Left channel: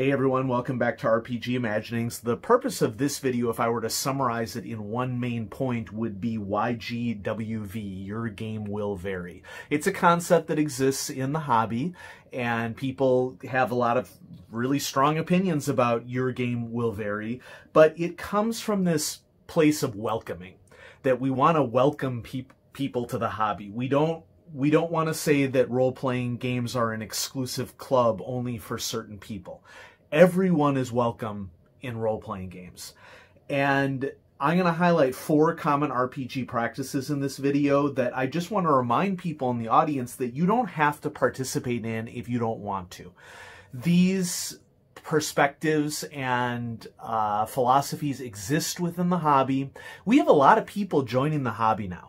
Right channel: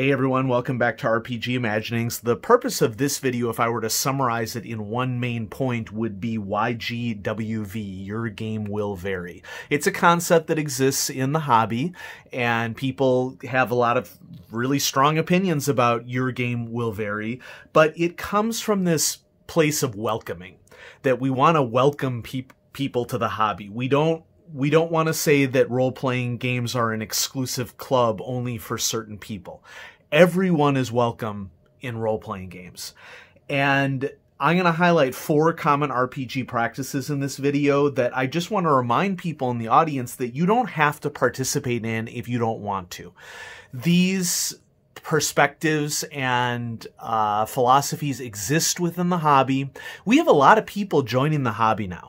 Hey everyone, welcome back to RPG Imaginings. The purpose of this video, if I were to summarize it in one main point, would be YGWV, Your Game Will Vary. It's a concept that exists in the hobby, and people have a lot of really strong opinions about Your Game Will Vary, but it comes from this place of welcoming, that we want to welcome people to the hobby. We don't want to say that role-playing games are an exclusive club only for certain people. Everyone is welcome in role-playing games. And I'm going to highlight 4 common RPG practices in this video that I just want to remind people in the audience that you don't have to participate in if you don't want to. These perspectives and philosophies exist within the hobby. We have a lot of people joining the hobby now.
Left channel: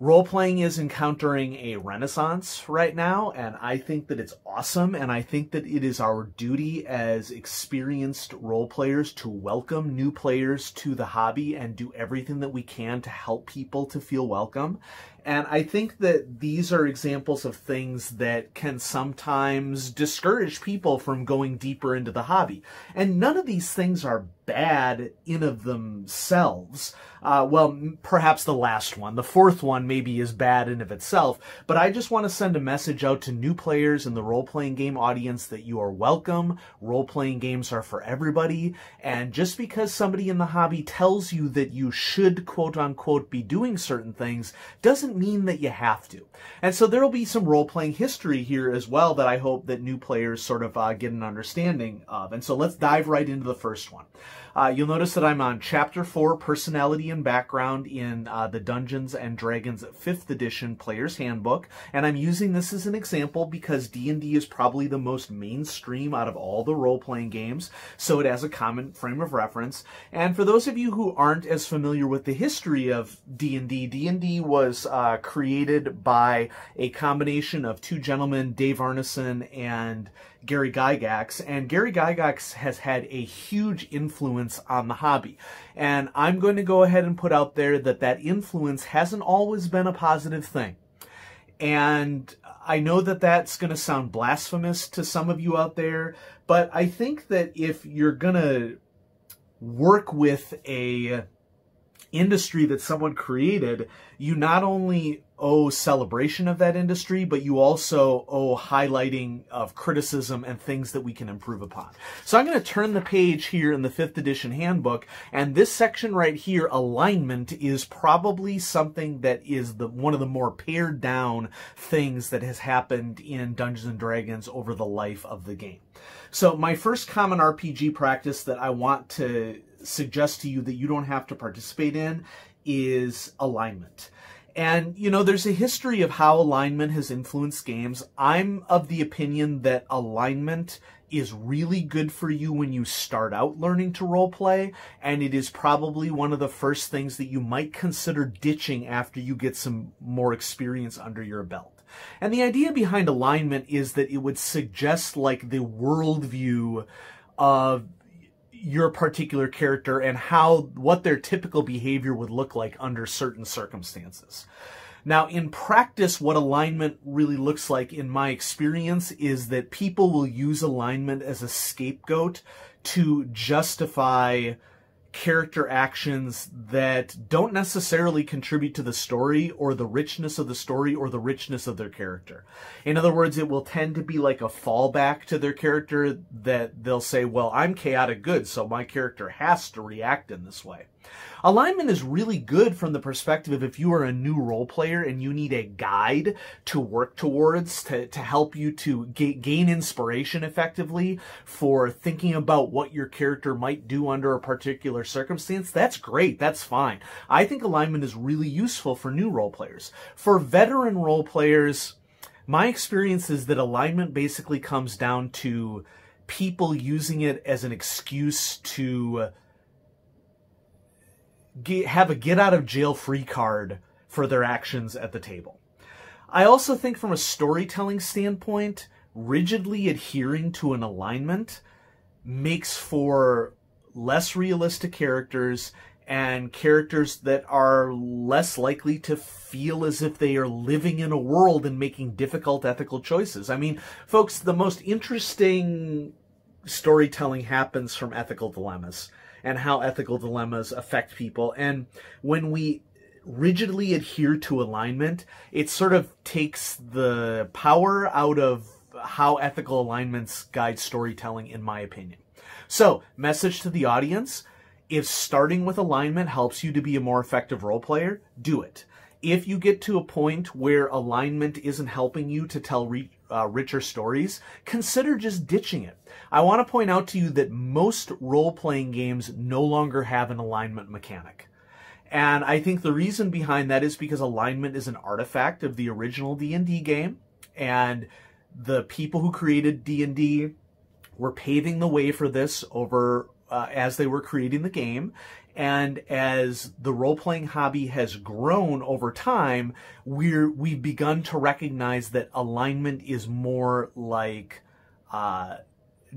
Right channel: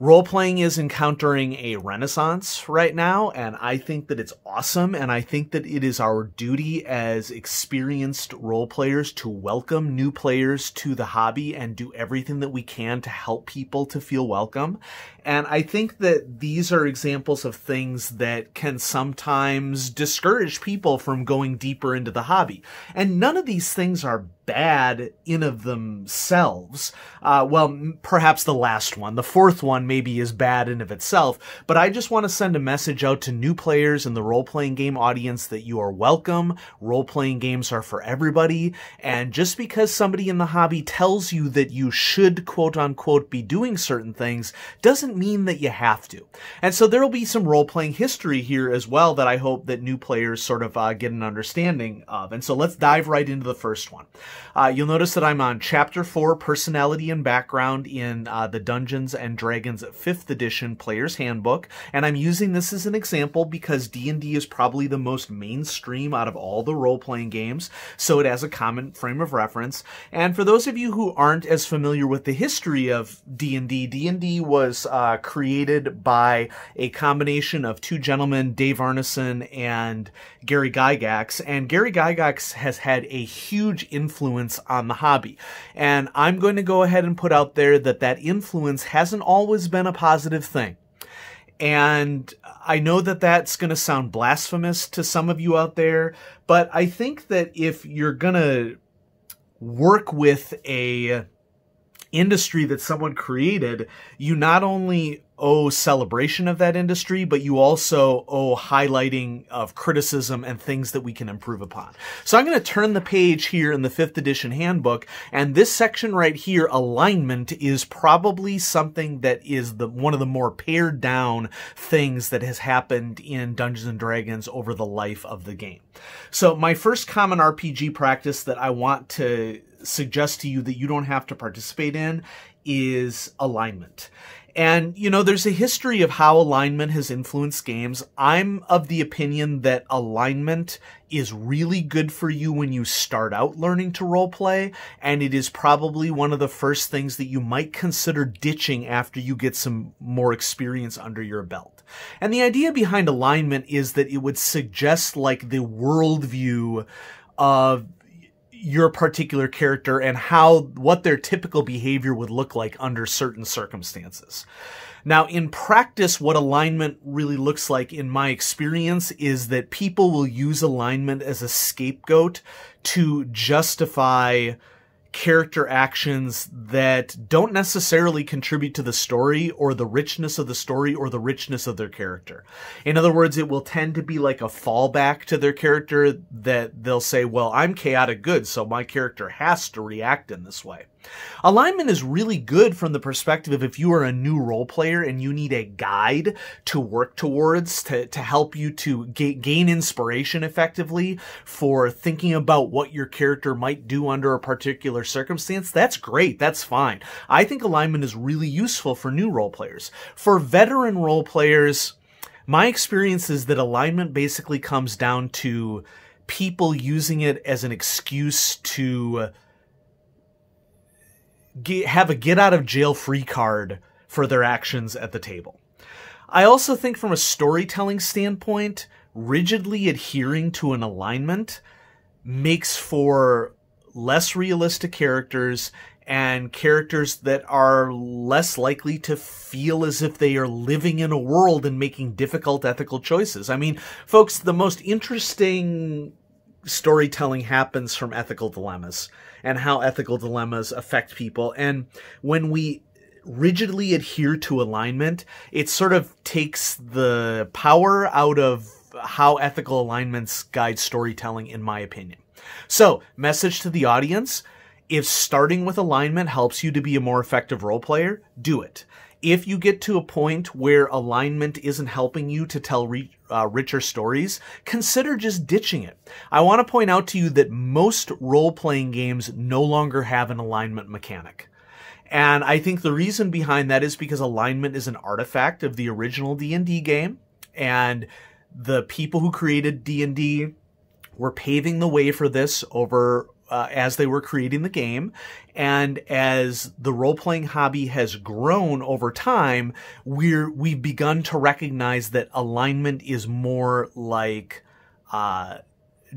Role-playing is encountering a renaissance right now, and I think that it's awesome, and I think that it is our duty as experienced role-players to welcome new players to the hobby and do everything that we can to help people to feel welcome. And I think that these are examples of things that can sometimes discourage people from going deeper into the hobby. And none of these things are bad in of themselves. Well, perhaps the last one. The 4th one maybe is bad in of itself, but I just want to send a message out to new players in the role-playing game audience that you are welcome. Role-playing games are for everybody, and just because somebody in the hobby tells you that you should, quote-unquote, be doing certain things doesn't mean that you have to. And so there will be some role-playing history here as well that I hope that new players sort of get an understanding of. And so let's dive right into the first one. You'll notice that I'm on Chapter 4, Personality and Background in the Dungeons & Dragons 5th Edition Player's Handbook, and I'm using this as an example because D&D is probably the most mainstream out of all the role-playing games, so it has a common frame of reference. And for those of you who aren't as familiar with the history of D&D, D&D was created by a combination of 2 gentlemen, Dave Arneson and Gary Gygax, and Gary Gygax has had a huge influence on the hobby. And I'm going to go ahead and put out there that that influence hasn't always been a positive thing. And I know that that's going to sound blasphemous to some of you out there, but I think that if you're going to work with a industry that someone created, you not only owe celebration of that industry, but you also owe highlighting of criticism and things that we can improve upon. So I'm going to turn the page here in the 5th edition handbook, and this section right here, alignment, is probably something that is one of the more pared down things that has happened in Dungeons & Dragons over the life of the game. So my first common RPG practice that I want to suggest to you that you don't have to participate in is alignment. And, you know, there's a history of how alignment has influenced games. I'm of the opinion that alignment is really good for you when you start out learning to roleplay, and it is probably one of the first things that you might consider ditching after you get some more experience under your belt. And the idea behind alignment is that it would suggest like the worldview of your particular character and what their typical behavior would look like under certain circumstances. Now, in practice, what alignment really looks like, in my experience, is that people will use alignment as a scapegoat to justify character actions that don't necessarily contribute to the story or the richness of the story or the richness of their character. In other words, it will tend to be like a fallback to their character that they'll say, well, I'm chaotic good, so my character has to react in this way. Alignment is really good from the perspective of if you are a new role player and you need a guide to work towards to help you to gain inspiration effectively for thinking about what your character might do under a particular circumstance. That's great. That's fine. I think alignment is really useful for new role players. For veteran role players, my experience is that alignment basically comes down to people using it as an excuse to have a get-out-of-jail-free card for their actions at the table. I also think from a storytelling standpoint, rigidly adhering to an alignment makes for less realistic characters and characters that are less likely to feel as if they are living in a world and making difficult ethical choices. I mean, folks, the most interesting storytelling happens from ethical dilemmas and how ethical dilemmas affect people. And when we rigidly adhere to alignment, it sort of takes the power out of how ethical alignments guide storytelling, in my opinion. So, message to the audience: if starting with alignment helps you to be a more effective role player, do it. If you get to a point where alignment isn't helping you to tell richer stories, consider just ditching it. I want to point out to you that most role-playing games no longer have an alignment mechanic. And I think the reason behind that is because alignment is an artifact of the original D&D game, and the people who created D&D were paving the way for this over as they were creating the game. And as the role-playing hobby has grown over time, we've begun to recognize that alignment is more like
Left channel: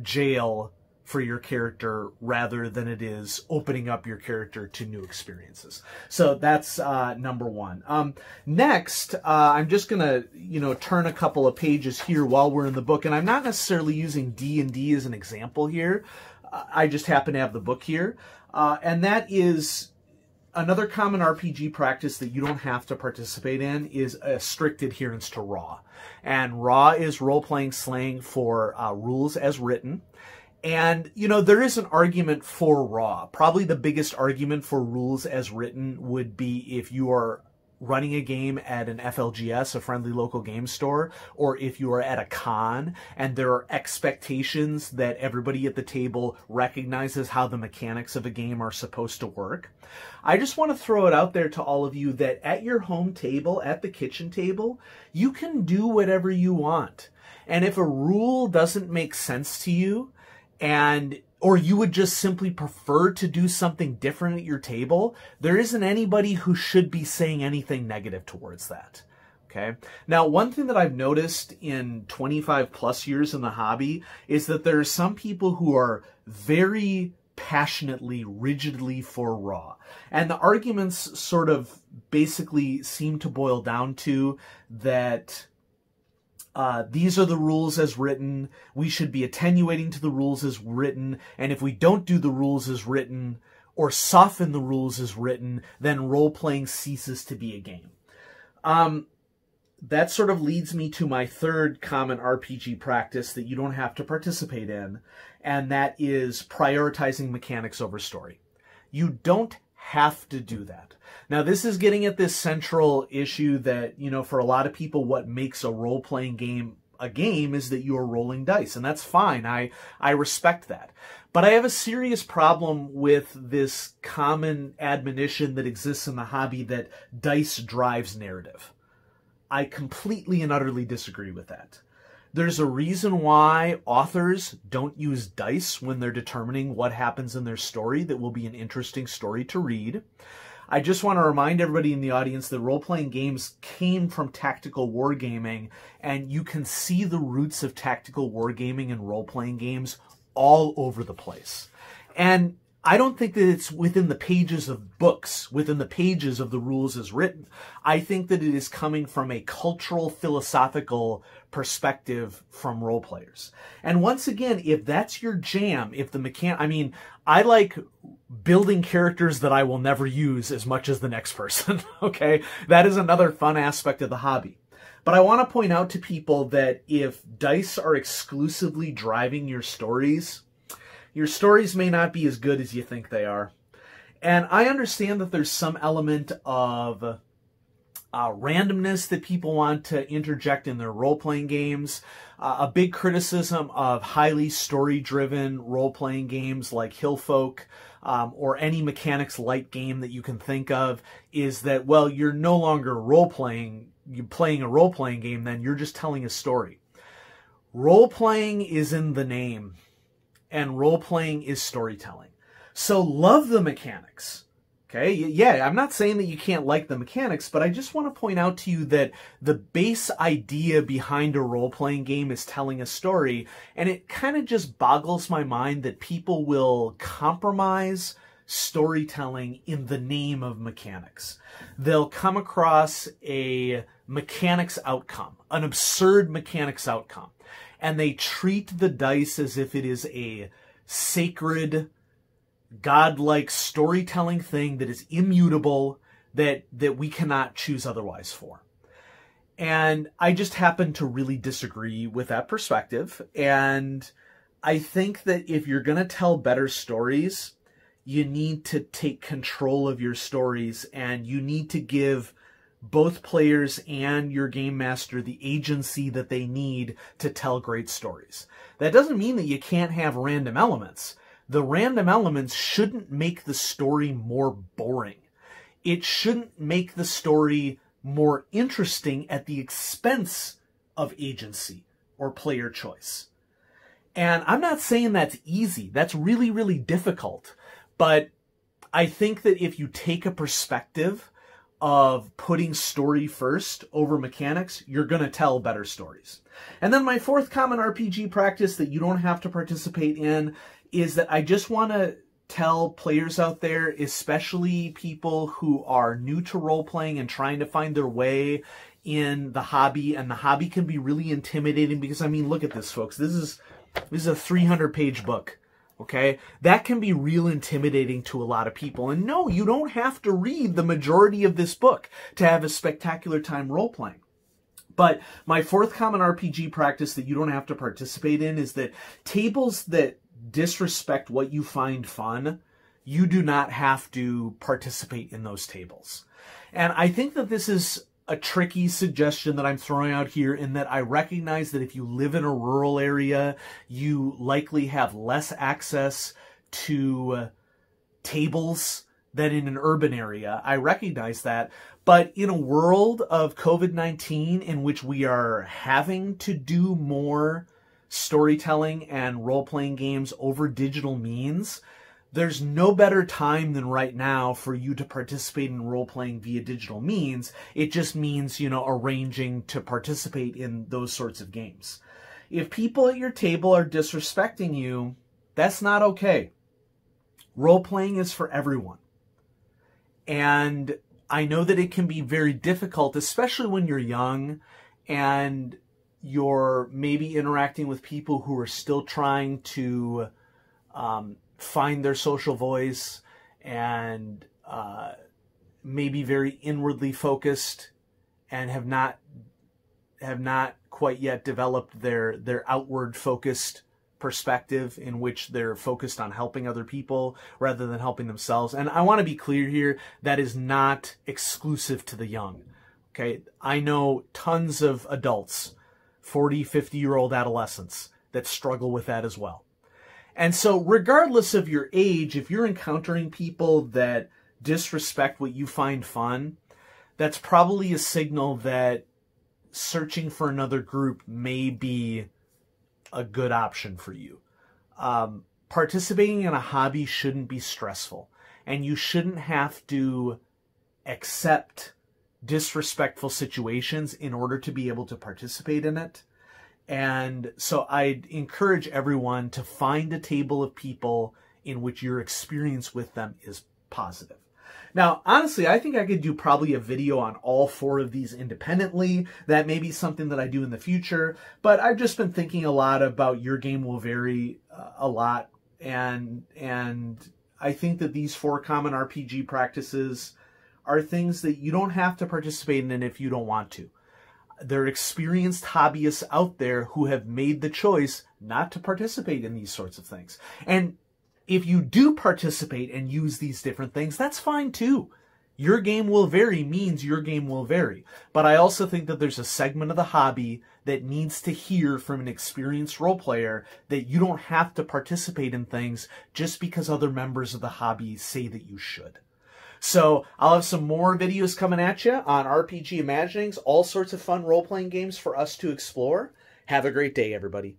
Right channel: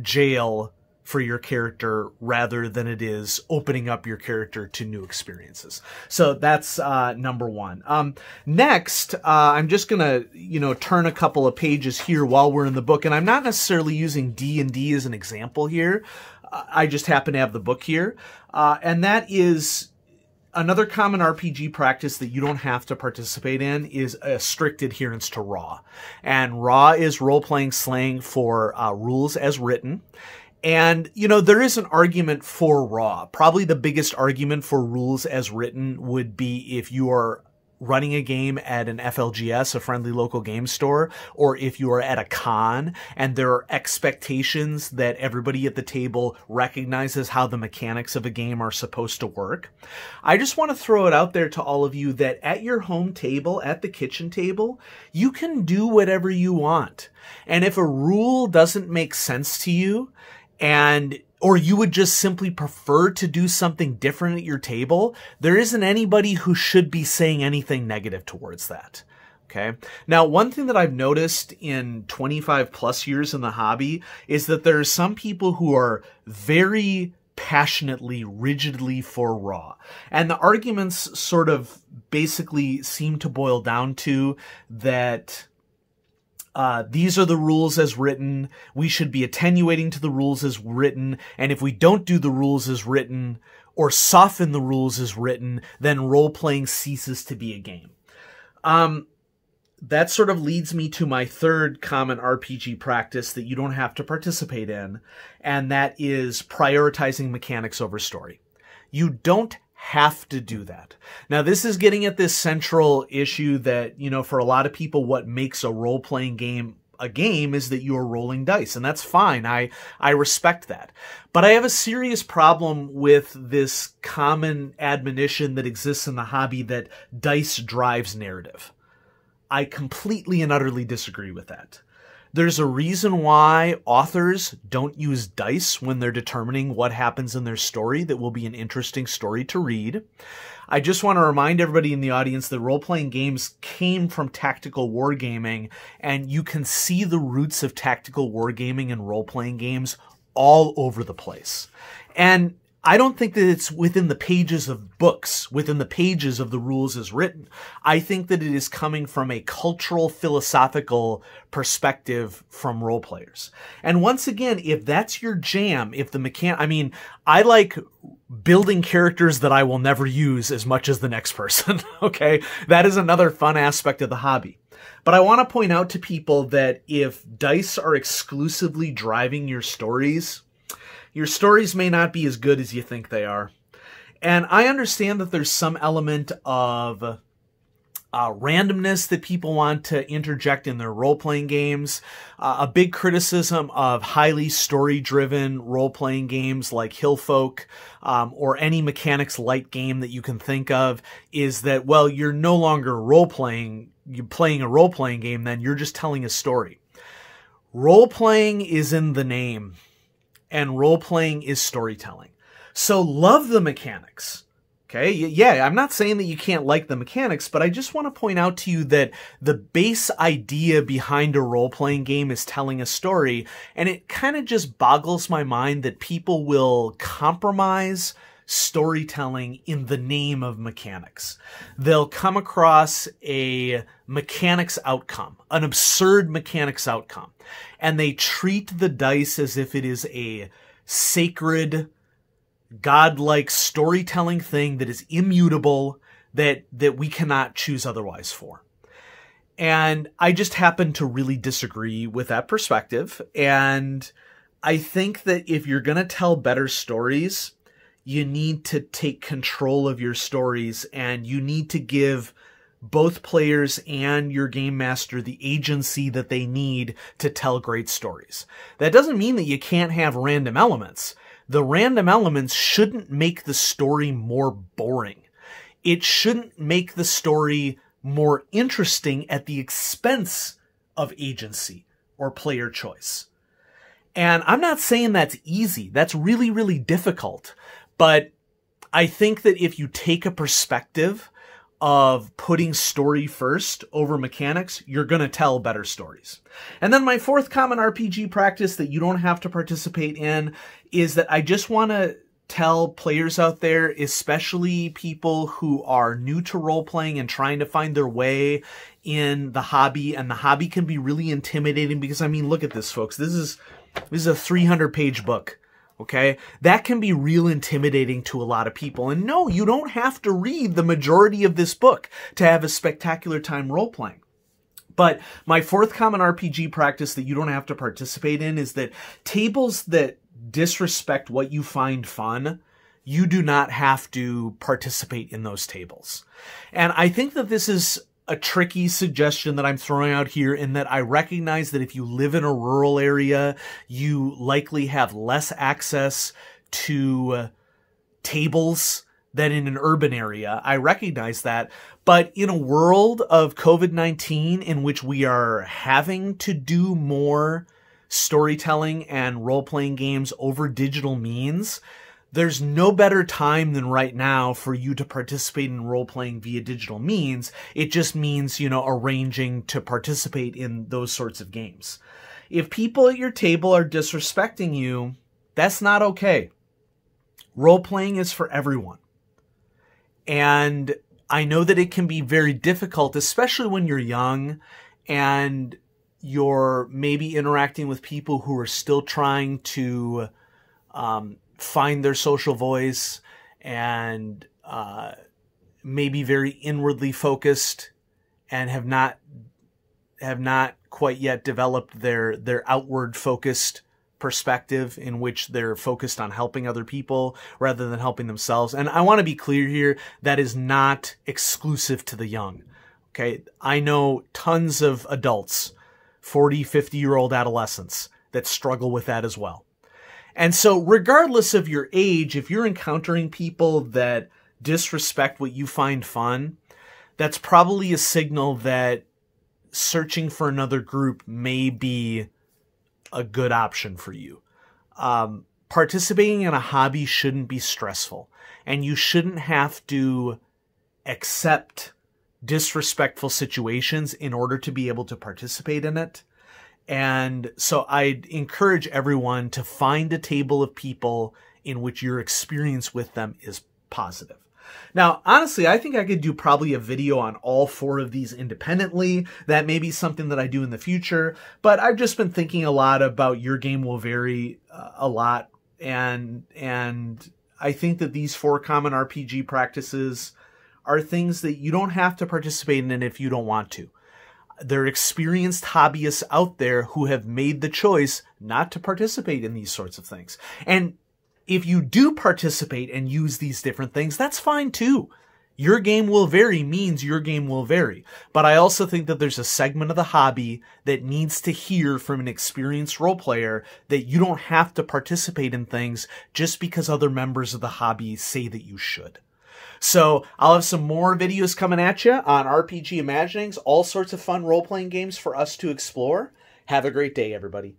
jail for your character rather than it is opening up your character to new experiences. So that's number one. Next, I'm just gonna, turn a couple of pages here while we're in the book, and I'm not necessarily using D&D as an example here. I just happen to have the book here, and that is another common RPG practice that you don't have to participate in is a strict adherence to RAW. And RAW is role-playing slang for rules as written. And, there is an argument for RAW. Probably the biggest argument for rules as written would be if you are running a game at an FLGS, a friendly local game store, or if you are at a con and there are expectations that everybody at the table recognizes how the mechanics of a game are supposed to work. I just want to throw it out there to all of you that at your home table, at the kitchen table, you can do whatever you want. And if a rule doesn't make sense to you, or you would just simply prefer to do something different at your table, there isn't anybody who should be saying anything negative towards that. Okay. Now, one thing that I've noticed in 25 plus years in the hobby is that there are some people who are very passionately, rigidly for RAW. And the arguments sort of basically seem to boil down to that these are the rules as written. We should be attenuating to the rules as written. And if we don't do the rules as written or soften the rules as written, then role-playing ceases to be a game. That sort of leads me to my third common RPG practice that you don't have to participate in, and that is prioritizing mechanics over story. You don't have to do that. Now, this is getting at this central issue that, for a lot of people, what makes a role-playing game a game is that you're rolling dice, and that's fine. I respect that. But I have a serious problem with this common admonition that exists in the hobby that dice drives narrative. I completely and utterly disagree with that. There's a reason why authors don't use dice when they're determining what happens in their story that will be an interesting story to read. I just want to remind everybody in the audience that role-playing games came from tactical wargaming, and you can see the roots of tactical wargaming and role-playing games all over the place. And I don't think that it's within the pages of books, within the pages of the rules as written. I think that it is coming from a cultural, philosophical perspective from role players. And once again, if that's your jam, if the I like building characters that I will never use as much as the next person, okay? That is another fun aspect of the hobby. But I want to point out to people that if dice are exclusively driving your stories may not be as good as you think they are. And I understand that there's some element of randomness that people want to interject in their role-playing games. A big criticism of highly story-driven role-playing games like Hillfolk or any mechanics light game that you can think of is that, well, you're no longer role-playing. You're playing a role-playing game, then you're just telling a story. Role-playing is in the name. And role-playing is storytelling. So love the mechanics, okay? Yeah, I'm not saying that you can't like the mechanics, but I just want to point out to you that the base idea behind a role-playing game is telling a story, and it kind of just boggles my mind that people will compromise storytelling in the name of mechanics. They'll come across a mechanics outcome, an absurd mechanics outcome, and they treat the dice as if it is a sacred, godlike storytelling thing that is immutable, that we cannot choose otherwise for. And I just happen to really disagree with that perspective. And I think that if you're going to tell better stories, you need to take control of your stories, and you need to give both players and your game master the agency that they need to tell great stories. That doesn't mean that you can't have random elements. The random elements shouldn't make the story more boring. It shouldn't make the story more interesting at the expense of agency or player choice. And I'm not saying that's easy. That's really, really difficult. But I think that if you take a perspective of putting story first over mechanics, you're going to tell better stories. And then my fourth common RPG practice that you don't have to participate in is that I just want to tell players out there, especially people who are new to role-playing and trying to find their way in the hobby, and the hobby can be really intimidating because, I mean, look at this, folks. This is a 300-page book. Okay, that can be real intimidating to a lot of people. And no, you don't have to read the majority of this book to have a spectacular time role-playing. But my fourth common RPG practice that you don't have to participate in is that tables that disrespect what you find fun, you do not have to participate in those tables. And I think that this is a tricky suggestion that I'm throwing out here, in that I recognize that if you live in a rural area, you likely have less access to tables than in an urban area. I recognize that. But in a world of COVID-19 in which we are having to do more storytelling and role-playing games over digital means, there's no better time than right now for you to participate in role-playing via digital means. It just means, you know, arranging to participate in those sorts of games. If people at your table are disrespecting you, that's not okay. Role-playing is for everyone. And I know that it can be very difficult, especially when you're young and you're maybe interacting with people who are still trying to find their social voice and maybe very inwardly focused and have not quite yet developed their outward focused perspective in which they're focused on helping other people rather than helping themselves. And I want to be clear here, that is not exclusive to the young. Okay, I know tons of adults, 40, 50-year-old adolescents that struggle with that as well. And so regardless of your age, if you're encountering people that disrespect what you find fun, that's probably a signal that searching for another group may be a good option for you. Participating in a hobby shouldn't be stressful, and you shouldn't have to accept disrespectful situations in order to be able to participate in it. And so I'd encourage everyone to find a table of people in which your experience with them is positive. Now, honestly, I think I could do probably a video on all four of these independently. That may be something that I do in the future, but I've just been thinking a lot about Your Game Will Vary a lot. And I think that these four common RPG practices are things that you don't have to participate in if you don't want to. There are experienced hobbyists out there who have made the choice not to participate in these sorts of things. And if you do participate and use these different things, that's fine too. Your game will vary means your game will vary. But I also think that there's a segment of the hobby that needs to hear from an experienced role player that you don't have to participate in things just because other members of the hobby say that you should. So I'll have some more videos coming at you on RPG Imaginings, all sorts of fun role-playing games for us to explore. Have a great day, everybody.